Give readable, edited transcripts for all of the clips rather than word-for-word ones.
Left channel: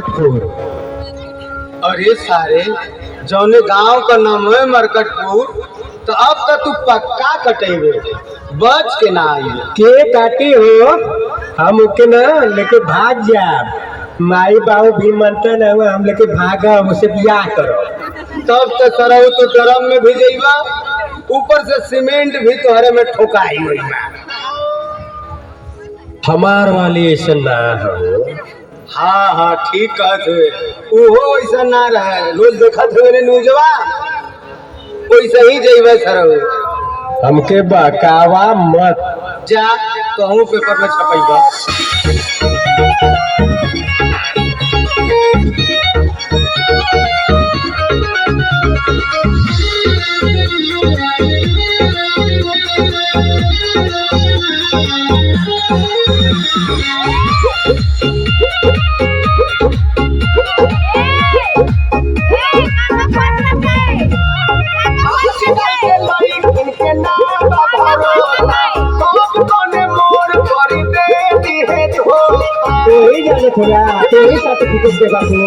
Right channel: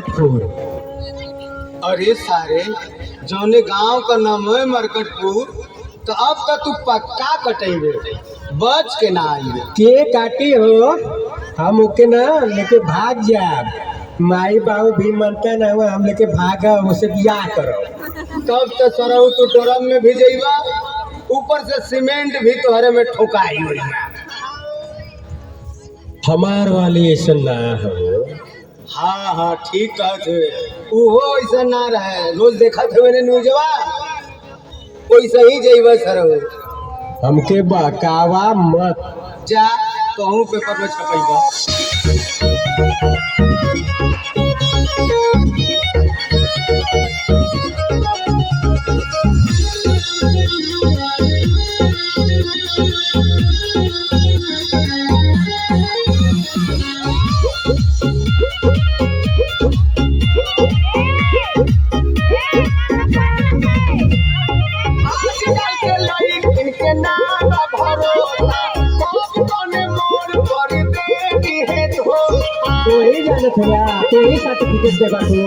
मरकटपुर। अरे सारे जौने गांव का नाम है मरकटपुर, तो अब तो तू पक्का कटेबे, बच के ना आइबे। के काटी हो, हम ओके ना लेके भाग जाब। माई बाबू भी मनते न हम लेके भागा, उसे ब्याह करो। तब तो सरऊ तो ड्रम में भी जाइबा, ऊपर से सीमेंट भी तोहरे में ठोकाई हुई बा। हमार वाली ऐसा ना हो। हाँ हाँ ठीक कहत हुए, उहो ऐसा ना रहे, रोज देखत हुए ने न्यूजवा, वैसे ही जाइबा सरऊ। हमके बहकावा मत। जा कहूँ पेपर में छपैबा। थोड़ा तो ही सर्टिफिकेट दे बाबू।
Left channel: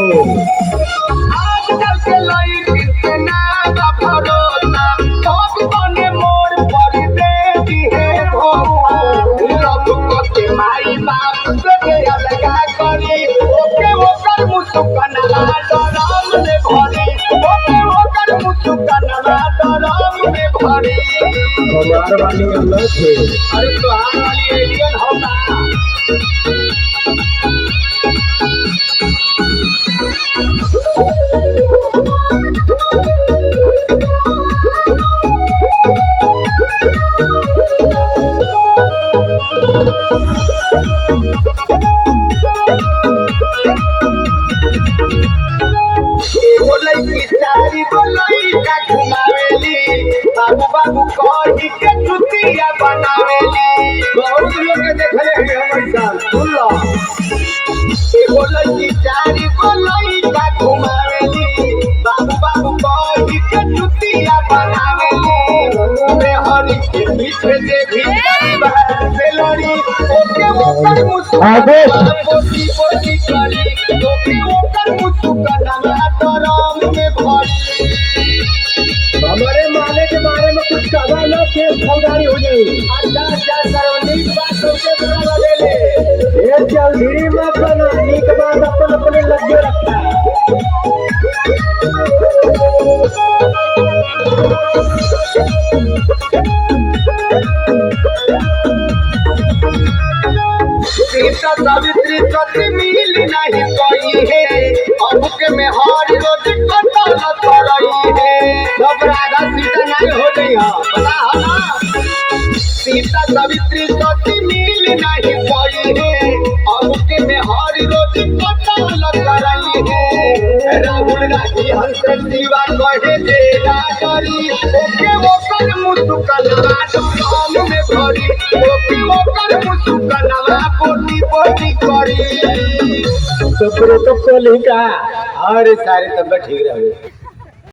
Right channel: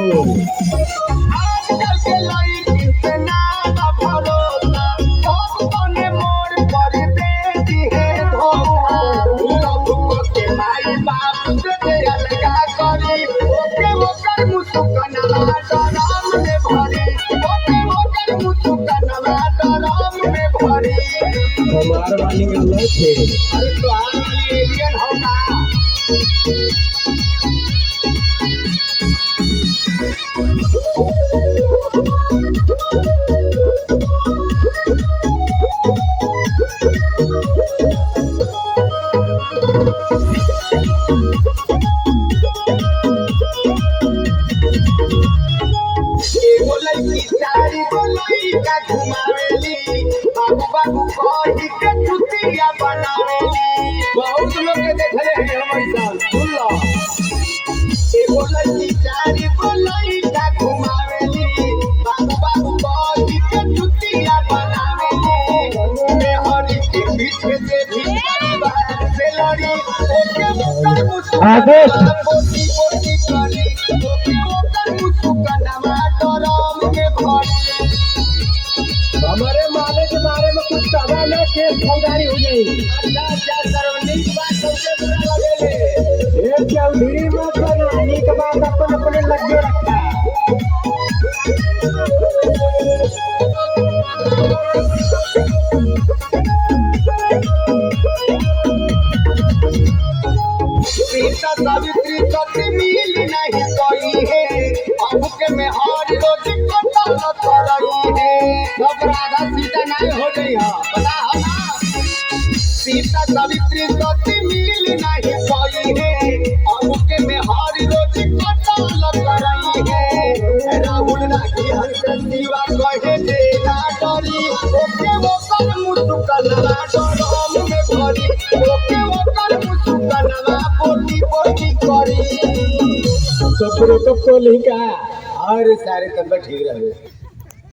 आजकल के लड़की के नाम भरोसा, सब कोने मोर पर देती है धोखा। लोग के माई बाप से अलगा करी, ओके ओकर मुस्कानवा डराम में भरी, ओके ओकर मुस्कानवा डराम में भरी। हमार वाली अलग है। अरे तोहार वाली एलियन होगा। बाबू बाबू कही के चुतिया बनावेली, बहुत लोग के देखले हैं हमर साथ। सुन लो, एगो लड़की चारी गो लड़का घुमावेली, बाबू बाबू कही के चुतिया बनावेली। मेहरी के पीछे से भी से लड़ी, ओके ओकर मुस्कान पोती पोती करी, ओके ओकर मुस्कान डराम में भरी। हमारे माले के बारे में कुछ कहा ना, केस फौजदारी हो जाएगी। ये चौधरी मत बना, नीक बात अपन अपने लगे रखा है। सीता सावित्री सत्य मिल नहीं कोई है, अब के में हर रोज कतल करई है। सब राधा सीता नहीं हो गई है, पता है ना। सीता सावित्री सत्य मिल नहीं कोई है, अब के में हर रोज कतल करई है। राहुल गांधी हंस शिवा कहे जे करी, ओके ओकर मुस्कानवा डराम में भरी, ओके ओकर मुस्कानवा पोती पोती करी। तो प्रोटोकॉल ही का। अरे सारी तबियत ठीक रहे।